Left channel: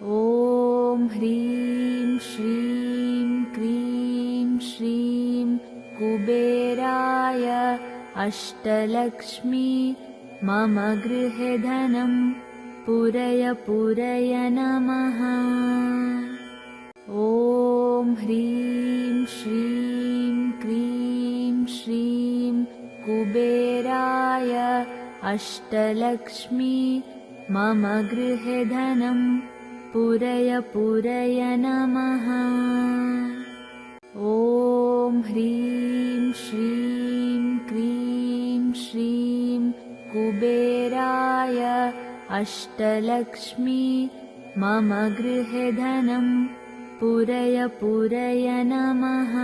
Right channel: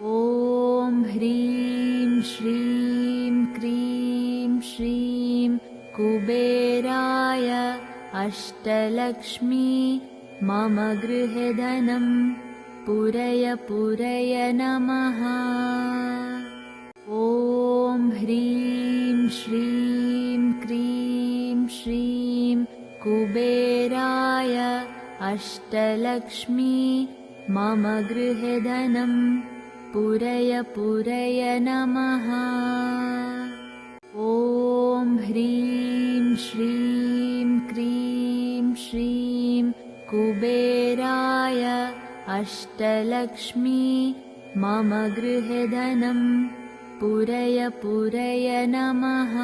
ॐ ह्रीं श्रीं क्रीं श्रीं कुबेराय अष्टलक्ष्मी मम गृहे धनं पूरय पूरय नमः। ॐ ह्रीं श्रीं क्रीं श्रीं कुबेराय अष्टलक्ष्मी मम गृहे धनं पूरय पूरय नमः। ॐ ह्रीं श्रीं क्रीं श्रीं कुबेराय अष्टलक्ष्मी मम गृहे धनं पूरय पूरय नमः।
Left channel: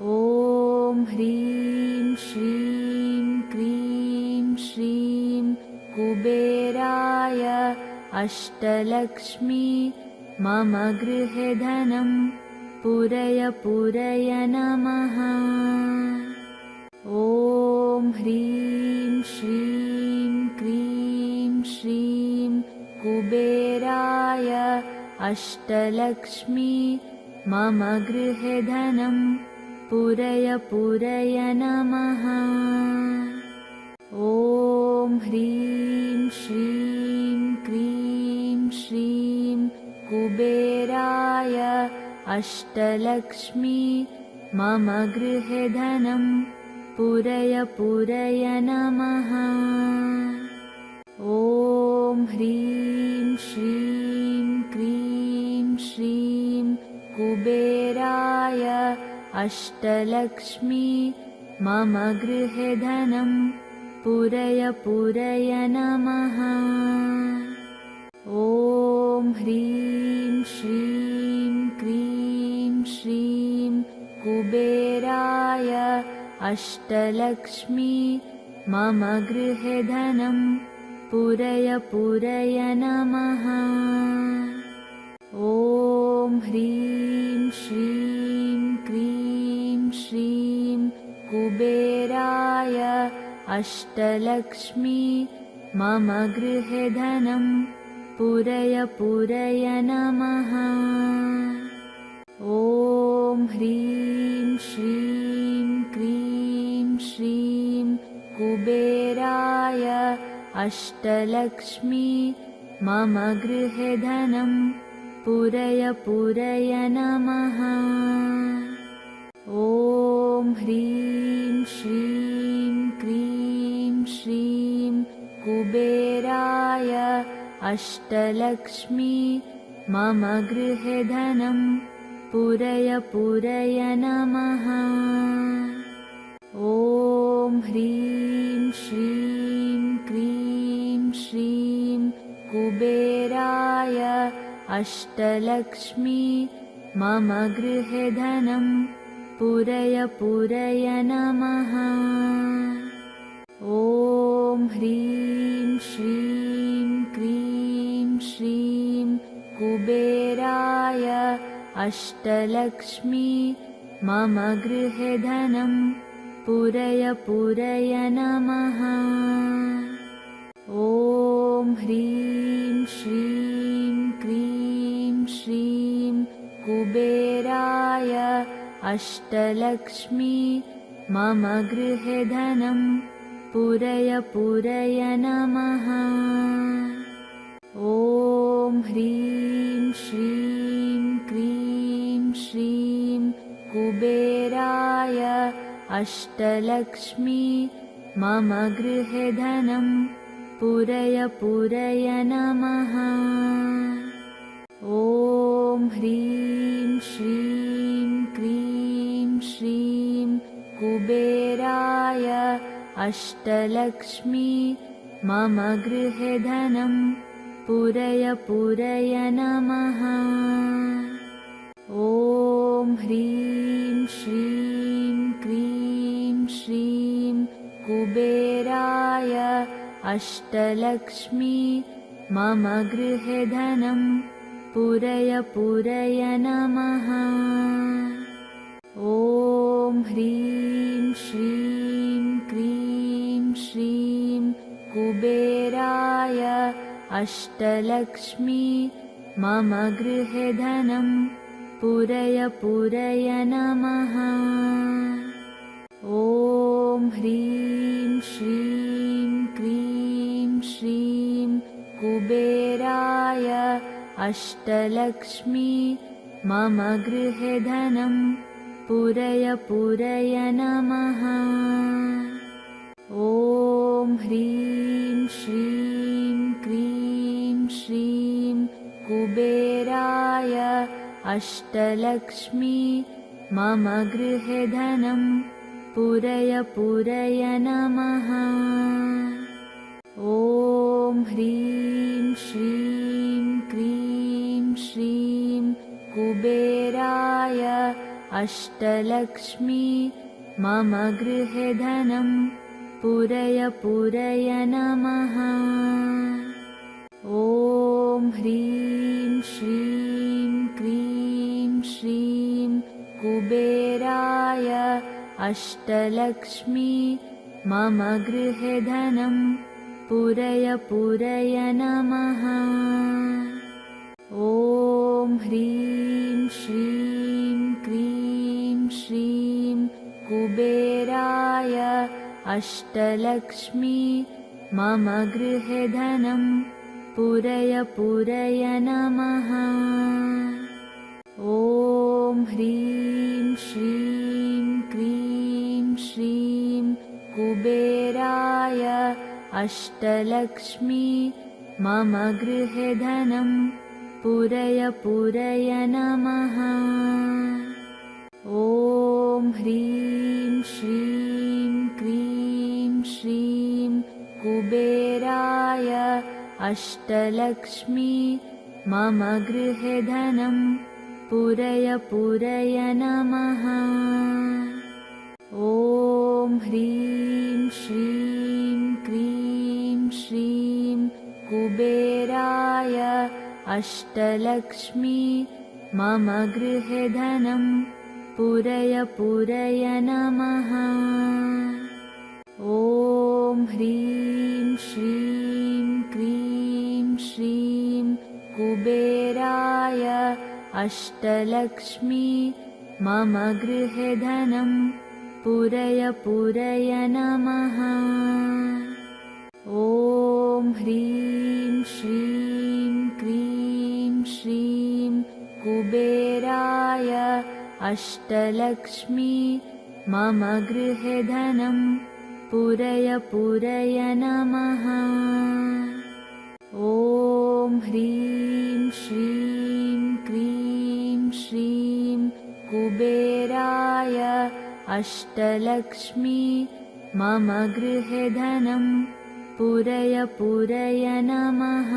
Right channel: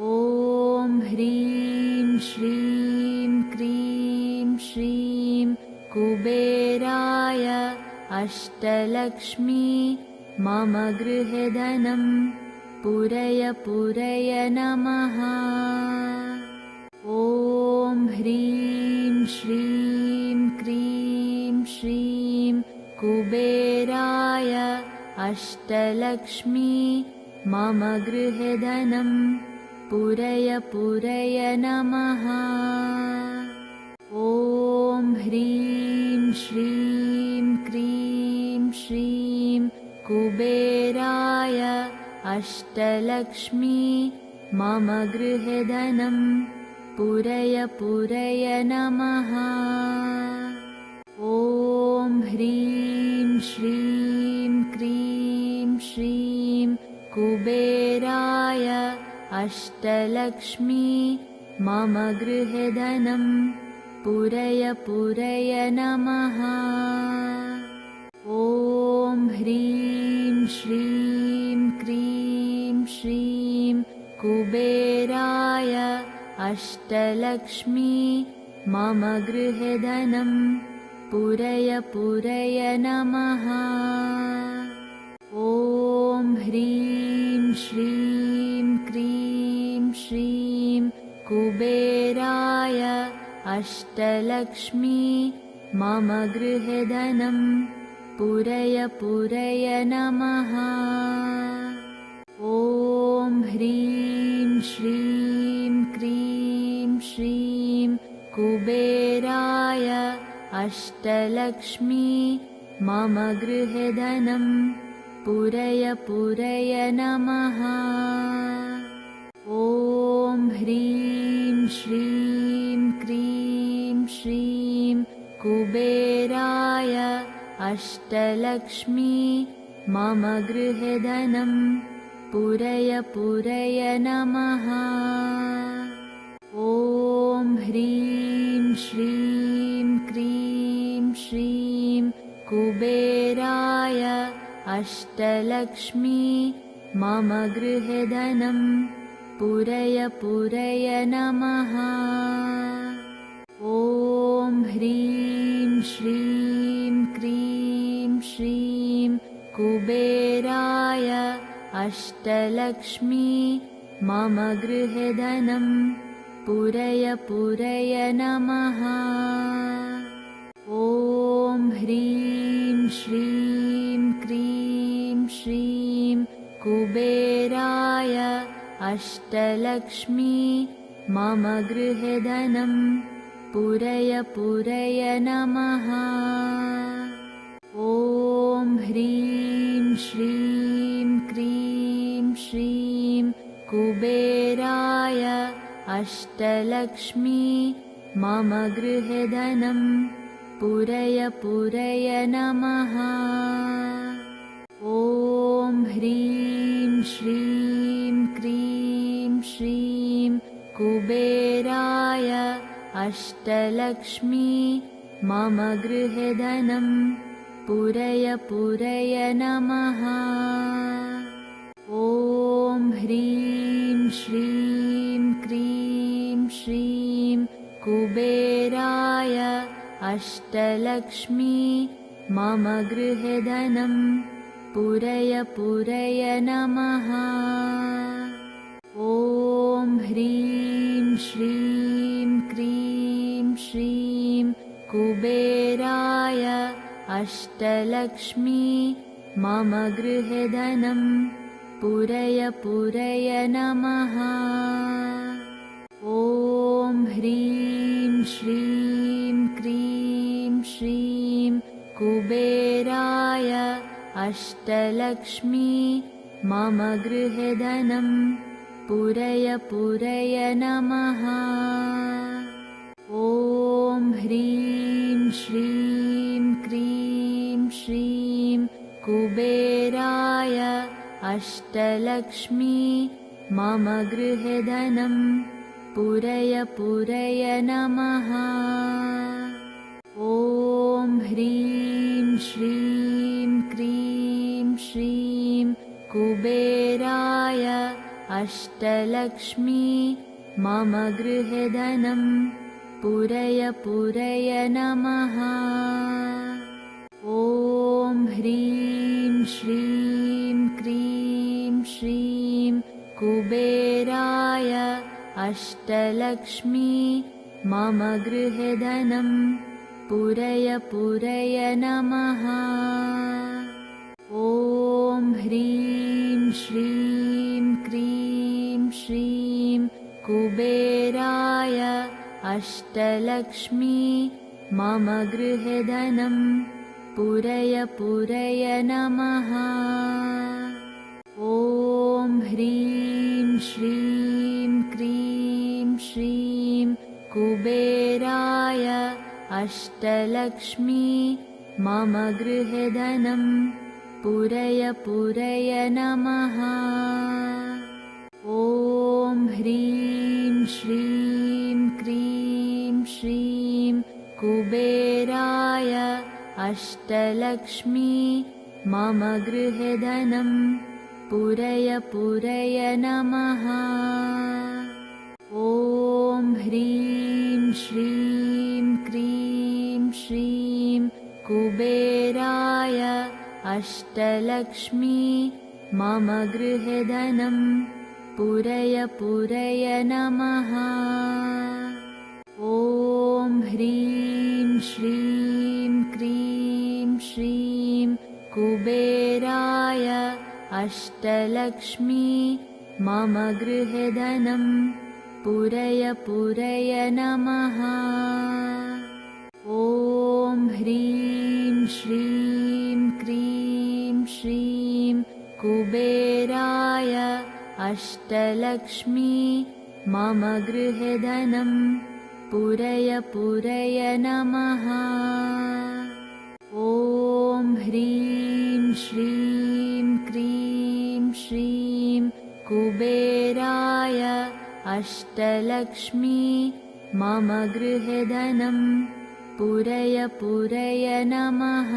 ॐ ह्रीं श्रीं क्रीं श्रीं कुबेराय अष्टलक्ष्मी मम गृहे धनं पूरय पूरय नमः। ॐ ह्रीं श्रीं क्रीं श्रीं कुबेराय अष्टलक्ष्मी मम गृहे धनं पूरय पूरय नमः। ॐ ह्रीं श्रीं क्रीं श्रीं कुबेराय अष्टलक्ष्मी मम गृहे धनं पूरय पूरय नमः। ॐ ह्रीं श्रीं क्रीं श्रीं कुबेराय अष्टलक्ष्मी मम गृहे धनं पूरय पूरय नमः। ॐ ह्रीं श्रीं क्रीं श्रीं कुबेराय अष्टलक्ष्मी मम गृहे धनं पूरय पूरय नमः। ॐ ह्रीं श्रीं क्रीं श्रीं कुबेराय अष्टलक्ष्मी मम गृहे धनं पूरय पूरय नमः। ॐ ह्रीं श्रीं क्रीं श्रीं कुबेराय अष्टलक्ष्मी मम गृहे धनं पूरय पूरय नमः। ॐ ह्रीं श्रीं क्रीं श्रीं कुबेराय अष्टलक्ष्मी मम गृहे धनं पूरय पूरय नमः। ॐ ह्रीं श्रीं क्रीं श्रीं कुबेराय अष्टलक्ष्मी मम गृहे धनं पूरय पूरय नमः। ॐ ह्रीं श्रीं क्रीं श्रीं कुबेराय अष्टलक्ष्मी मम गृहे धनं पूरय पूरय नमः। ॐ ह्रीं श्रीं क्रीं श्रीं कुबेराय अष्टलक्ष्मी मम गृहे धनं पूरय पूरय नमः। ॐ ह्रीं श्रीं क्रीं श्रीं कुबेराय अष्टलक्ष्मी मम गृहे धनं पूरय पूरय नमः। ॐ ह्रीं श्रीं क्रीं श्रीं कुबेराय अष्टलक्ष्मी मम गृहे धनं पूरय पूरय नमः। ॐ ह्रीं श्रीं क्रीं श्रीं कुबेराय अष्टलक्ष्मी मम गृहे धनं पूरय पूरय नमः। ॐ ह्रीं श्रीं क्रीं श्रीं कुबेराय अष्टलक्ष्मी मम गृहे धनं पूरय पूरय नमः। ॐ ह्रीं श्रीं क्रीं श्रीं कुबेराय अष्टलक्ष्मी मम गृहे धनं पूरय पूरय नमः। ॐ ह्रीं श्रीं क्रीं श्रीं कुबेराय अष्टलक्ष्मी मम गृहे धनं पूरय पूरय नमः। ॐ ह्रीं श्रीं क्रीं श्रीं कुबेराय अष्टलक्ष्मी मम गृहे धनं पूरय पूरय नमः। ॐ ह्रीं श्रीं क्रीं श्रीं कुबेराय अष्टलक्ष्मी मम गृहे धनं पूरय पूरय नमः। ॐ ह्रीं श्रीं क्रीं श्रीं कुबेराय अष्टलक्ष्मी मम गृहे धनं पूरय पूरय नमः। ॐ ह्रीं श्रीं क्रीं श्रीं कुबेराय अष्टलक्ष्मी मम गृहे धनं पूरय पूरय नमः। ॐ ह्रीं श्रीं क्रीं श्रीं कुबेराय अष्टलक्ष्मी मम गृहे धनं पूरय पूरय नमः। ॐ ह्रीं श्रीं क्रीं श्रीं कुबेराय अष्टलक्ष्मी मम गृहे धनं पूरय पूरय नमः। ॐ ह्रीं श्रीं क्रीं श्रीं कुबेराय अष्टलक्ष्मी मम गृहे धनं पूरय पूरय नमः। ॐ ह्रीं श्रीं क्रीं श्रीं कुबेराय अष्टलक्ष्मी मम गृहे धनं पूरय पूरय नमः। ॐ ह्रीं श्रीं क्रीं श्रीं कुबेराय अष्टलक्ष्मी मम गृहे धनं पूरय पूरय नमः।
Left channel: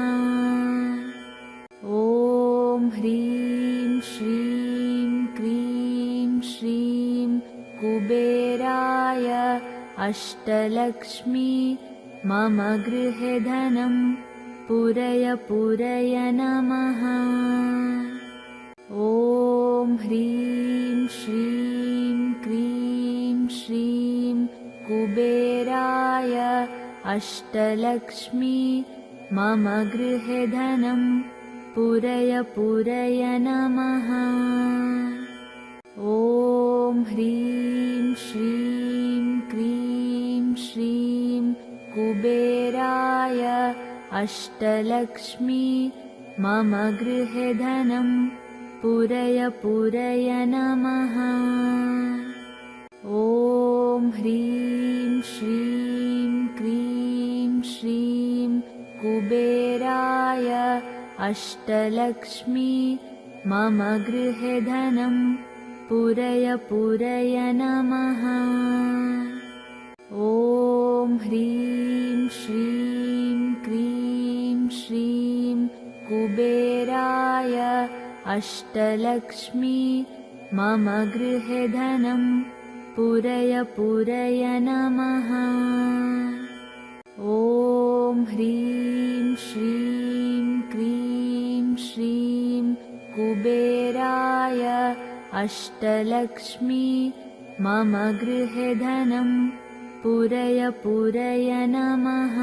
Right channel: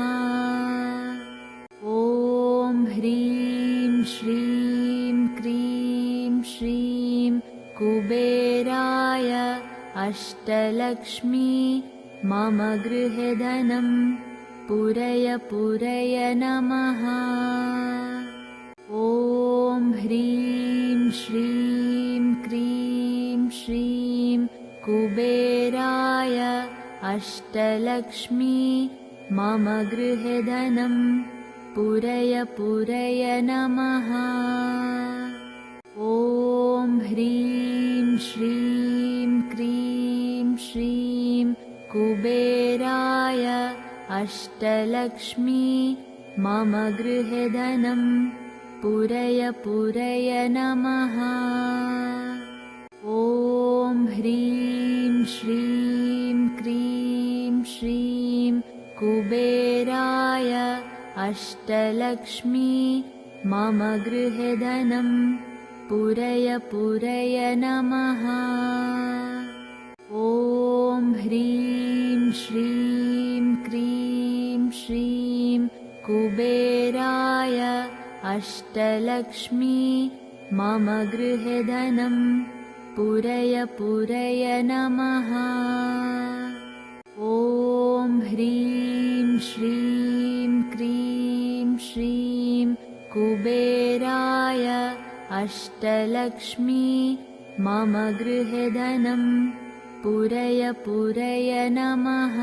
ॐ ह्रीं श्रीं क्रीं श्रीं कुबेराय अष्टलक्ष्मी मम गृहे धनं पूरय पूरय नमः। ॐ ह्रीं श्रीं क्रीं श्रीं कुबेराय अष्टलक्ष्मी मम गृहे धनं पूरय पूरय नमः। ॐ ह्रीं श्रीं क्रीं श्रीं कुबेराय अष्टलक्ष्मी मम गृहे धनं पूरय पूरय नमः। ॐ ह्रीं श्रीं क्रीं श्रीं कुबेराय अष्टलक्ष्मी मम गृहे धनं पूरय पूरय नमः। ॐ ह्रीं श्रीं क्रीं श्रीं कुबेराय अष्टलक्ष्मी मम गृहे धनं पूरय पूरय नमः। ॐ ह्रीं श्रीं क्रीं श्रीं कुबेराय अष्टलक्ष्मी मम गृहे धनं पूरय पूरय नमः।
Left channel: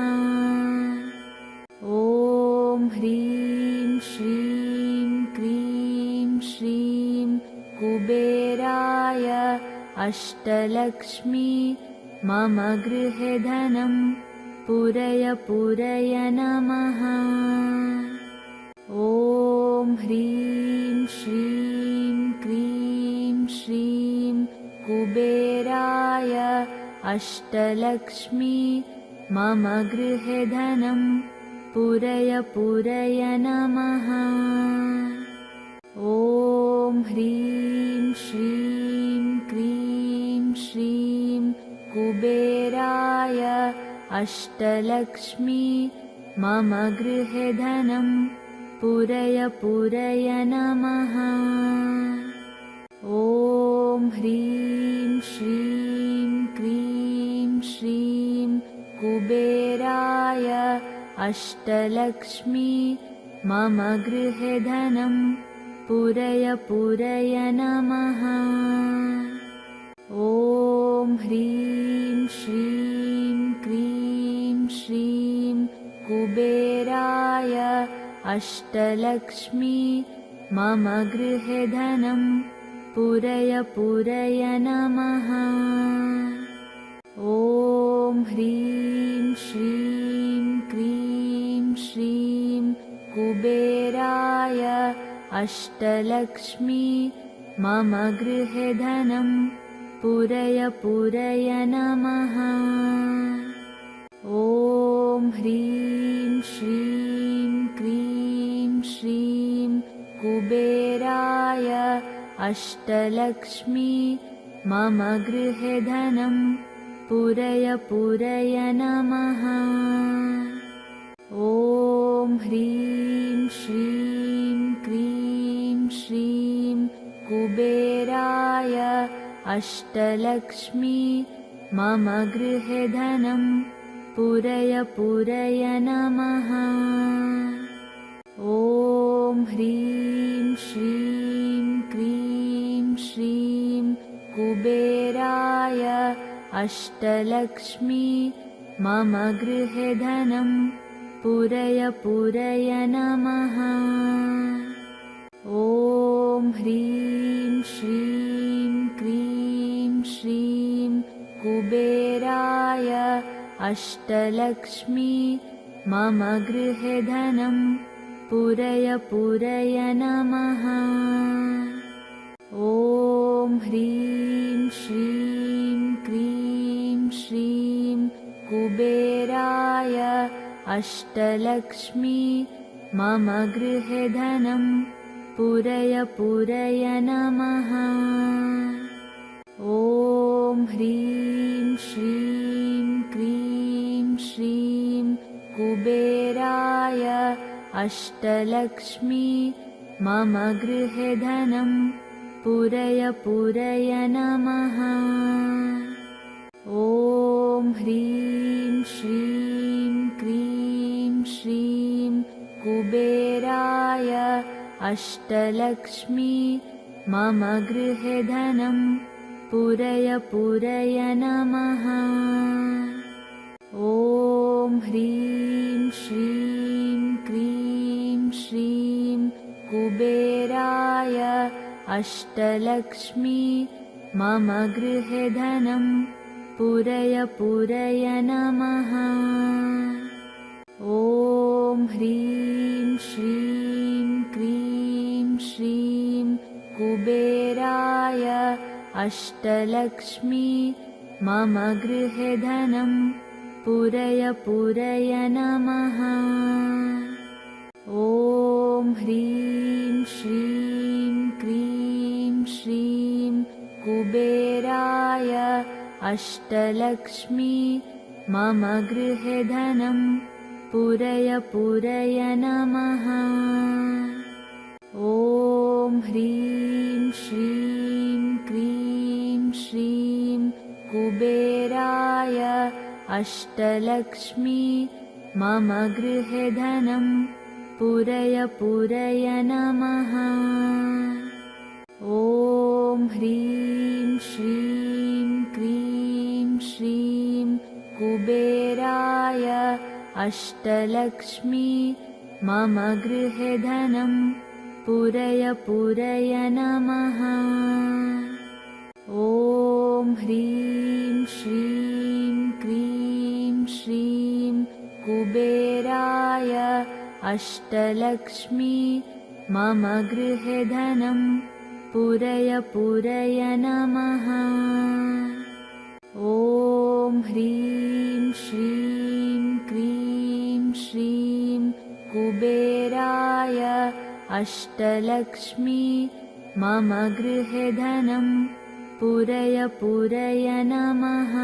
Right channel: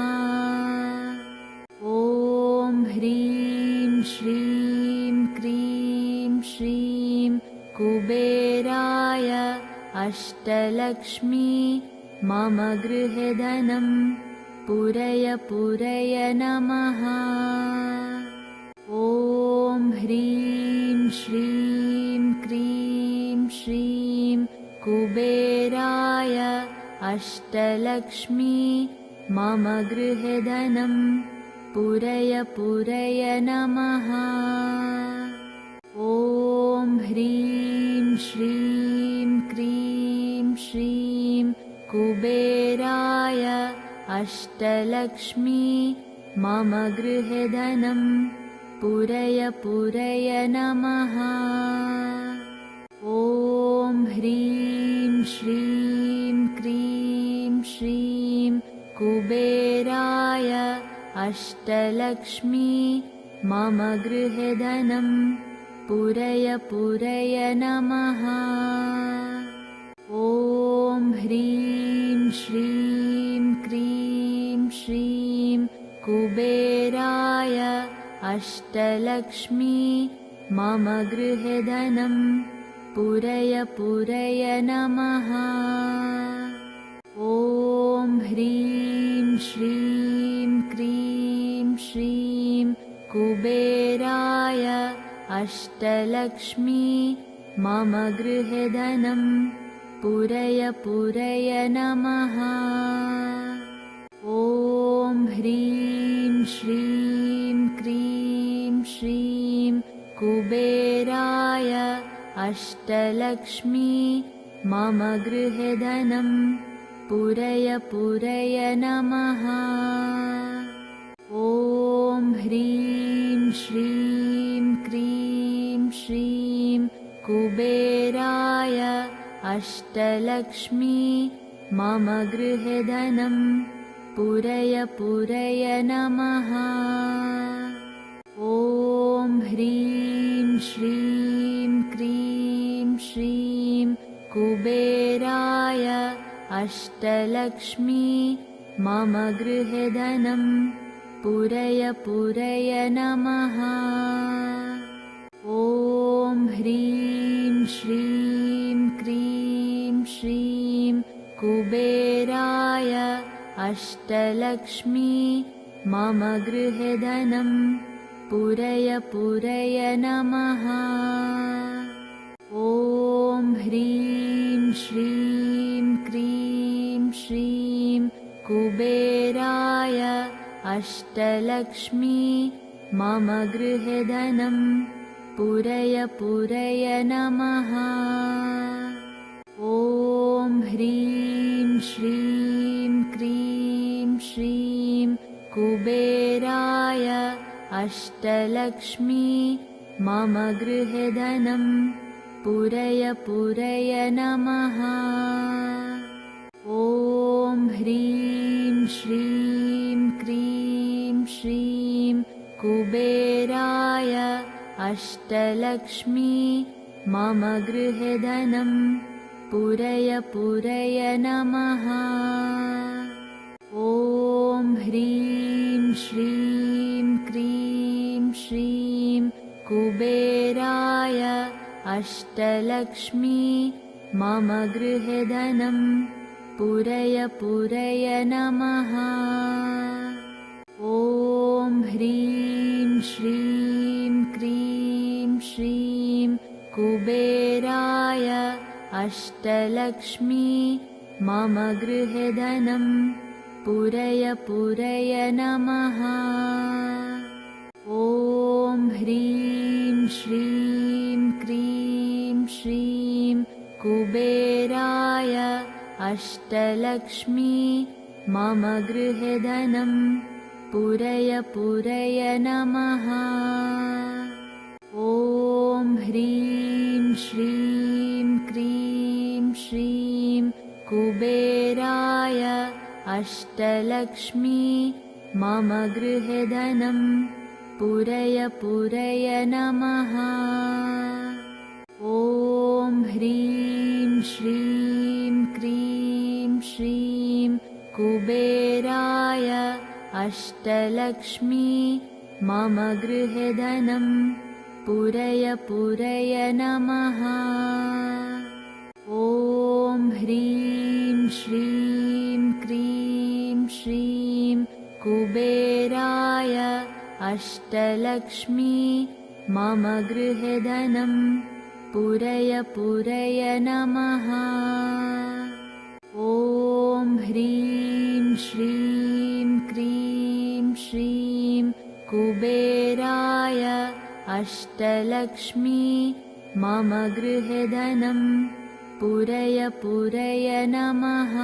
ॐ ह्रीं श्रीं क्रीं श्रीं कुबेराय अष्टलक्ष्मी मम गृहे धनं पूरय पूरय नमः। ॐ ह्रीं श्रीं क्रीं श्रीं कुबेराय अष्टलक्ष्मी मम गृहे धनं पूरय पूरय नमः। ॐ ह्रीं श्रीं क्रीं श्रीं कुबेराय अष्टलक्ष्मी मम गृहे धनं पूरय पूरय नमः। ॐ ह्रीं श्रीं क्रीं श्रीं कुबेराय अष्टलक्ष्मी मम गृहे धनं पूरय पूरय नमः। ॐ ह्रीं श्रीं क्रीं श्रीं कुबेराय अष्टलक्ष्मी मम गृहे धनं पूरय पूरय नमः। ॐ ह्रीं श्रीं क्रीं श्रीं कुबेराय अष्टलक्ष्मी मम गृहे धनं पूरय पूरय नमः। ॐ ह्रीं श्रीं क्रीं श्रीं कुबेराय अष्टलक्ष्मी मम गृहे धनं पूरय पूरय नमः। ॐ ह्रीं श्रीं क्रीं श्रीं कुबेराय अष्टलक्ष्मी मम गृहे धनं पूरय पूरय नमः। ॐ ह्रीं श्रीं क्रीं श्रीं कुबेराय अष्टलक्ष्मी मम गृहे धनं पूरय पूरय नमः। ॐ ह्रीं श्रीं क्रीं श्रीं कुबेराय अष्टलक्ष्मी मम गृहे धनं पूरय पूरय नमः। ॐ ह्रीं श्रीं क्रीं श्रीं कुबेराय अष्टलक्ष्मी मम गृहे धनं पूरय पूरय नमः। ॐ ह्रीं श्रीं क्रीं श्रीं कुबेराय अष्टलक्ष्मी मम गृहे धनं पूरय पूरय नमः। ॐ ह्रीं श्रीं क्रीं श्रीं कुबेराय अष्टलक्ष्मी मम गृहे धनं पूरय पूरय नमः। ॐ ह्रीं श्रीं क्रीं श्रीं कुबेराय अष्टलक्ष्मी मम गृहे धनं पूरय पूरय नमः। ॐ ह्रीं श्रीं क्रीं श्रीं कुबेराय अष्टलक्ष्मी मम गृहे धनं पूरय पूरय नमः। ॐ ह्रीं श्रीं क्रीं श्रीं कुबेराय अष्टलक्ष्मी मम गृहे धनं पूरय पूरय नमः। ॐ ह्रीं श्रीं क्रीं श्रीं कुबेराय अष्टलक्ष्मी मम गृहे धनं पूरय पूरय नमः। ॐ ह्रीं श्रीं क्रीं श्रीं कुबेराय अष्टलक्ष्मी मम गृहे धनं पूरय पूरय नमः। ॐ ह्रीं श्रीं क्रीं श्रीं कुबेराय अष्टलक्ष्मी मम गृहे धनं पूरय पूरय नमः। ॐ ह्रीं श्रीं क्रीं श्रीं कुबेराय अष्टलक्ष्मी मम गृहे धनं पूरय पूरय नमः।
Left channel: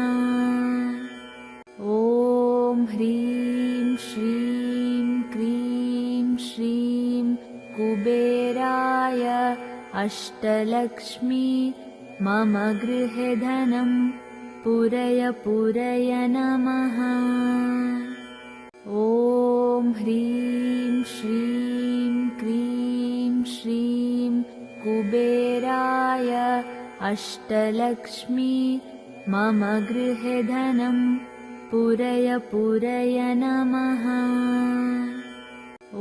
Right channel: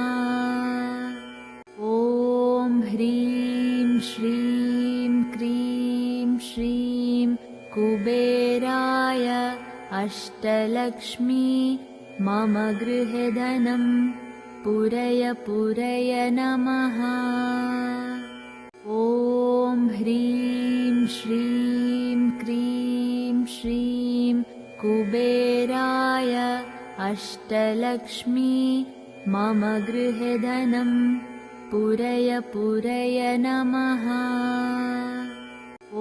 ॐ ह्रीं श्रीं क्रीं श्रीं कुबेराय अष्टलक्ष्मी मम गृहे धनं पूरय पूरय नमः। ॐ ह्रीं श्रीं क्रीं श्रीं कुबेराय अष्टलक्ष्मी मम गृहे धनं पूरय पूरय नमः।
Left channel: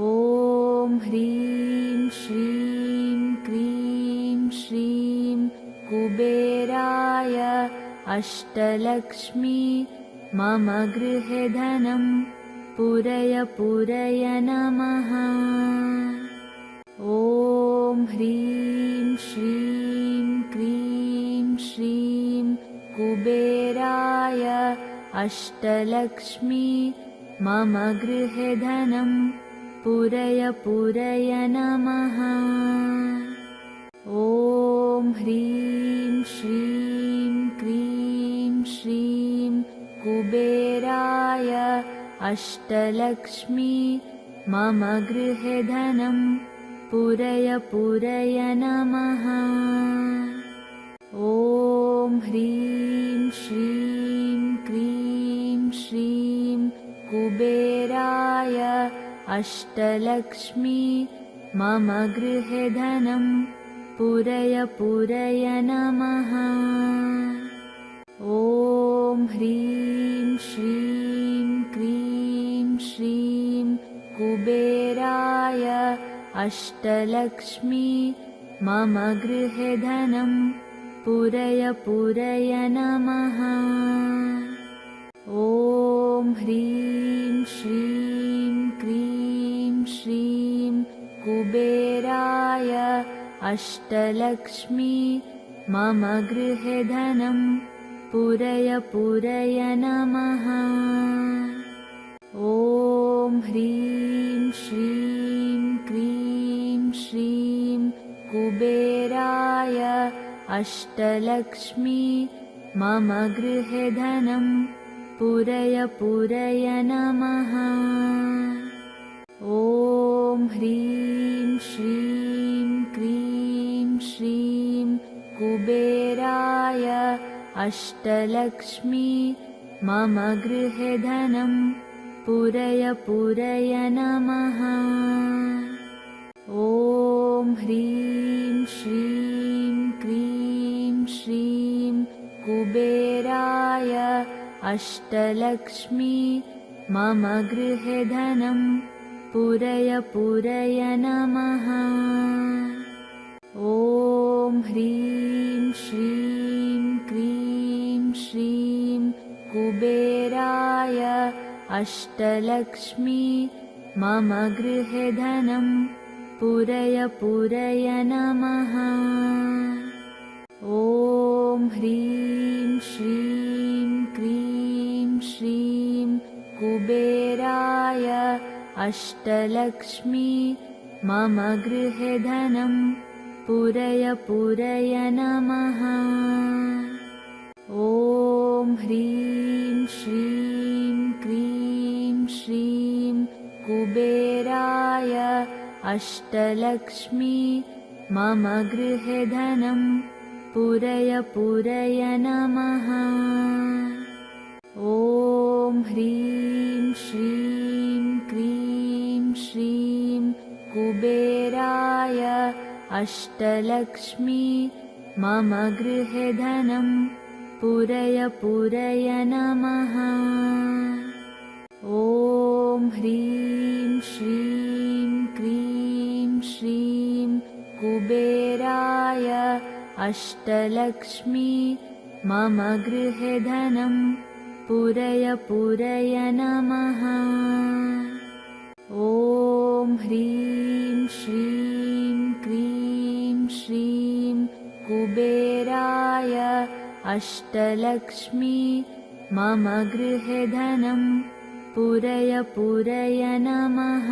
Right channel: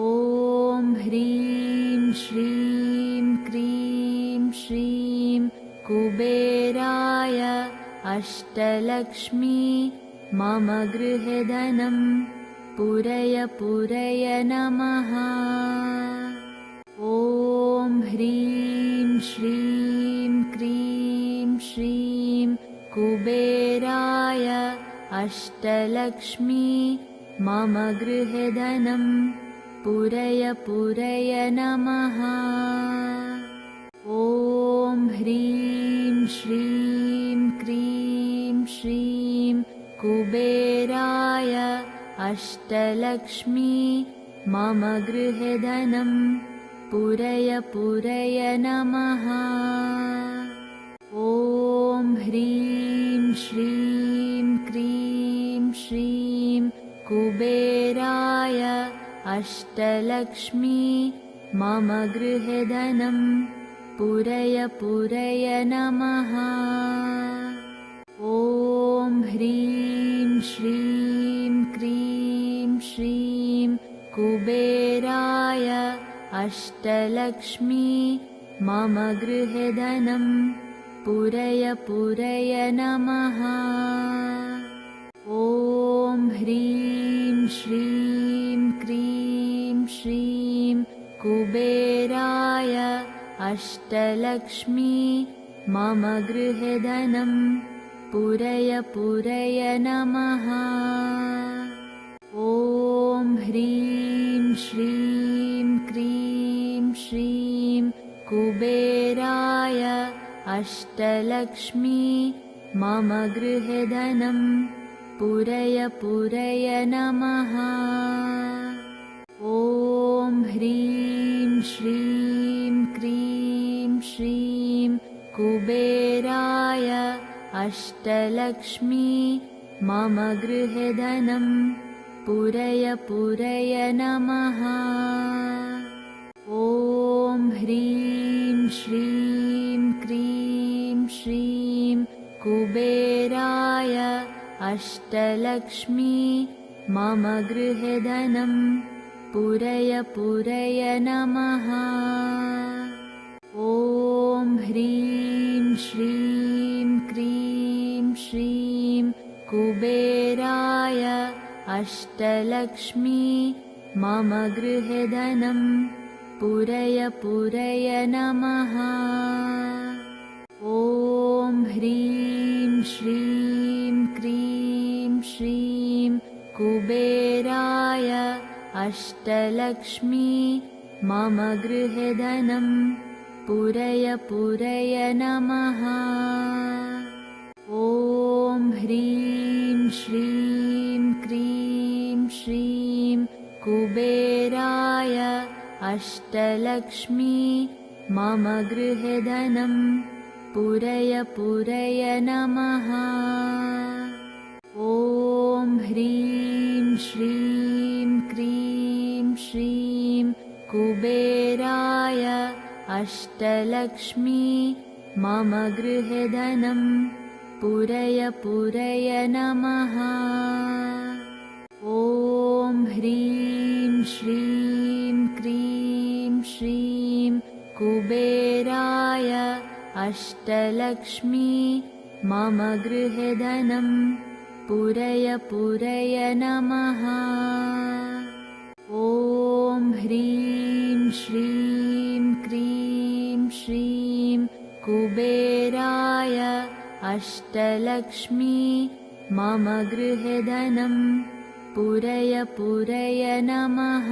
ॐ ह्रीं श्रीं क्रीं श्रीं कुबेराय अष्टलक्ष्मी मम गृहे धनं पूरय पूरय नमः। ॐ ह्रीं श्रीं क्रीं श्रीं कुबेराय अष्टलक्ष्मी मम गृहे धनं पूरय पूरय नमः। ॐ ह्रीं श्रीं क्रीं श्रीं कुबेराय अष्टलक्ष्मी मम गृहे धनं पूरय पूरय नमः। ॐ ह्रीं श्रीं क्रीं श्रीं कुबेराय अष्टलक्ष्मी मम गृहे धनं पूरय पूरय नमः। ॐ ह्रीं श्रीं क्रीं श्रीं कुबेराय अष्टलक्ष्मी मम गृहे धनं पूरय पूरय नमः। ॐ ह्रीं श्रीं क्रीं श्रीं कुबेराय अष्टलक्ष्मी मम गृहे धनं पूरय पूरय नमः। ॐ ह्रीं श्रीं क्रीं श्रीं कुबेराय अष्टलक्ष्मी मम गृहे धनं पूरय पूरय नमः। ॐ ह्रीं श्रीं क्रीं श्रीं कुबेराय अष्टलक्ष्मी मम गृहे धनं पूरय पूरय नमः। ॐ ह्रीं श्रीं क्रीं श्रीं कुबेराय अष्टलक्ष्मी मम गृहे धनं पूरय पूरय नमः। ॐ ह्रीं श्रीं क्रीं श्रीं कुबेराय अष्टलक्ष्मी मम गृहे धनं पूरय पूरय नमः। ॐ ह्रीं श्रीं क्रीं श्रीं कुबेराय अष्टलक्ष्मी मम गृहे धनं पूरय पूरय नमः। ॐ ह्रीं श्रीं क्रीं श्रीं कुबेराय अष्टलक्ष्मी मम गृहे धनं पूरय पूरय नमः। ॐ ह्रीं श्रीं क्रीं श्रीं कुबेराय अष्टलक्ष्मी मम गृहे धनं पूरय पूरय नमः। ॐ ह्रीं श्रीं क्रीं श्रीं कुबेराय अष्टलक्ष्मी मम गृहे धनं पूरय पूरय नमः। ॐ ह्रीं श्रीं क्रीं श्रीं कुबेराय अष्टलक्ष्मी मम गृहे धनं पूरय पूरय नमः।